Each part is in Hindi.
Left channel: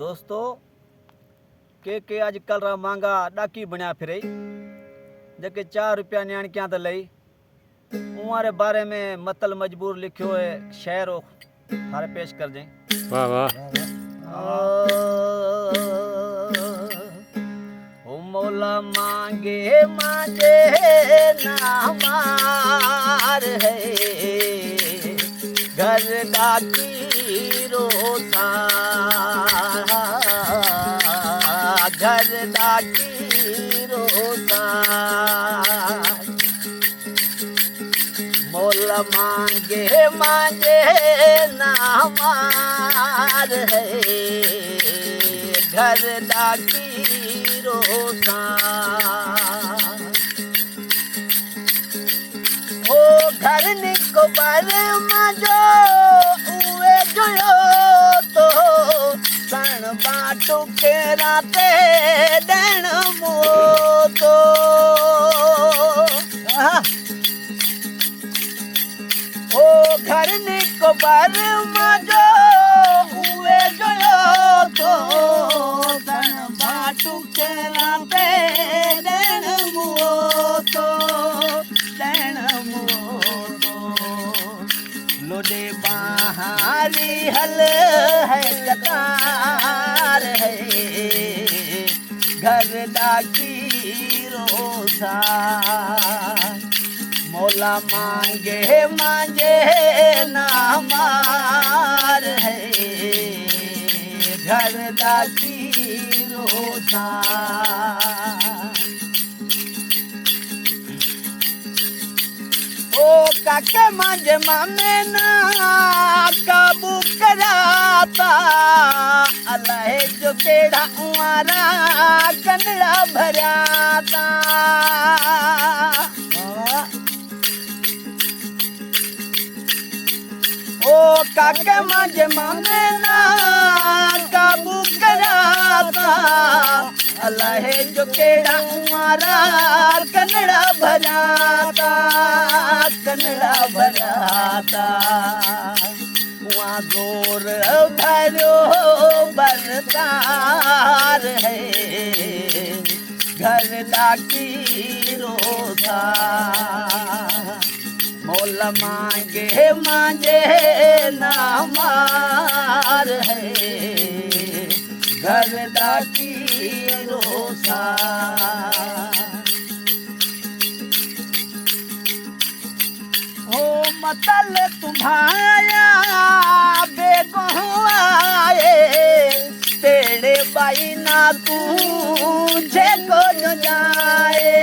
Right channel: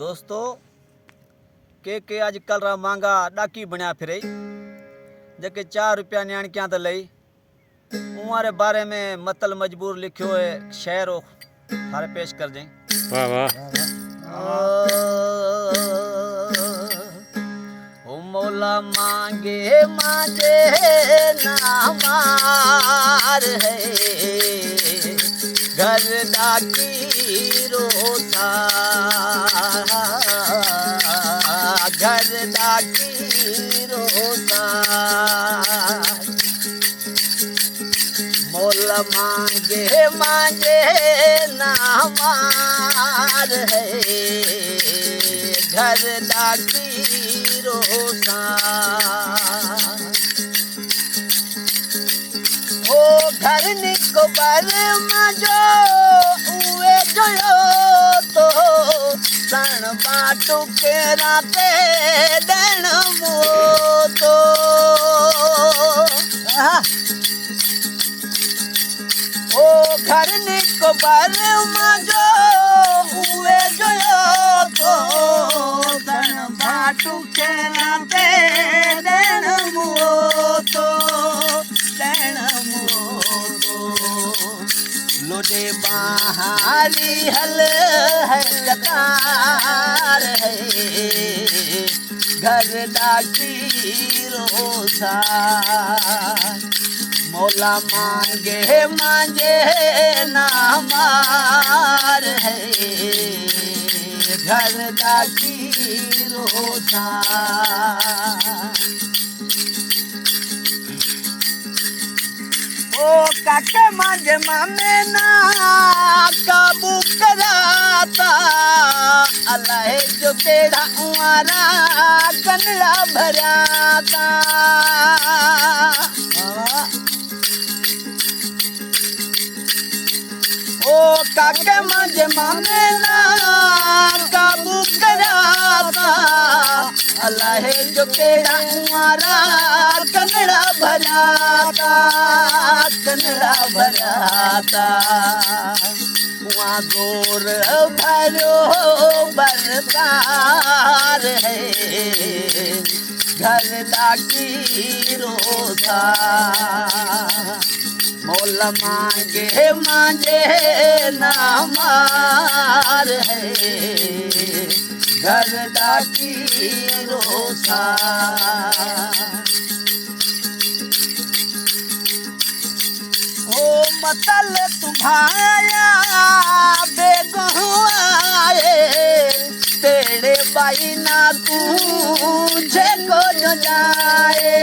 दोस्तों के आजकल रा मांगा डाकी बनया फिर जके 4 रुपया न्याणकियां तो लई उमारे बारे में मतल मजबूर लिखियो है शेर थारे पेश कर दें। वाह वाह ओ मौला मांगे मांगे ना मार है घर डाकी रोता घर डाकी रोता मोल मांगे मांगे ना मार है घर डाकी रोता ओ घर निको बर मजो उए जोयो तो सन बाटू के राते दण मो तो ओ घर निको बर मजो उए जोयो तो सन बाटू के राते दण मो तो लोडे बाहरी हल है कतार है घर डाकी रोसा मौला मांगे मांगे ना मार है घर डाकी रोसा ओ काके मांझे मामे ना काबू कराता अल्लाह जो केड़ा उमारा कनड़ा भराता ओ काके मांझे मामे ना काबू कराता अल्लाह जो केड़ा उमारा कनड़ा भराता कनड़ा भराता वहाँ गोर भरो बरतार है घर डाकी रोता मोल मांगे मांगे ना मार है घर डाकी रोसा ओ मतल तुम्हारा बेगुआरे तेरे बाई ना तुझे को जो जाए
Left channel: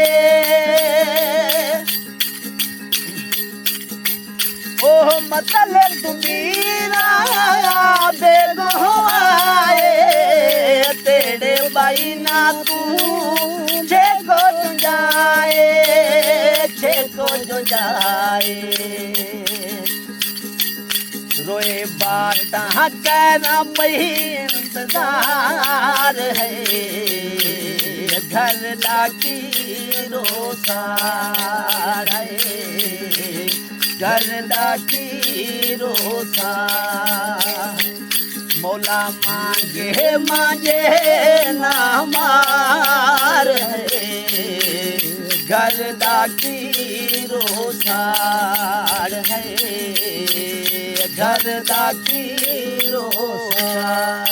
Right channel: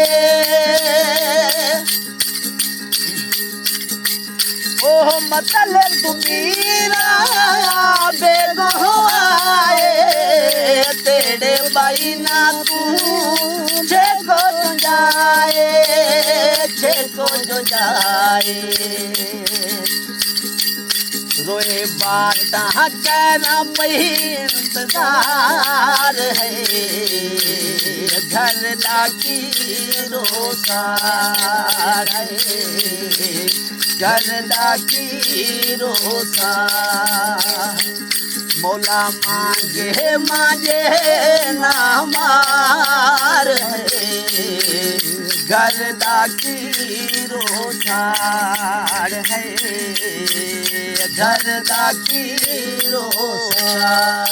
ओ मतल तुम्हारा बेगुआरे तेरे बाई ना तुझे को जो जाए को जो जाए रोए बाटा कहना इंतजार है घर डाकी रोसार है घर डाकी रोसा मौला मांगे मांगे ना मार है घर डाकी रोसार है घर डाकी रोसार।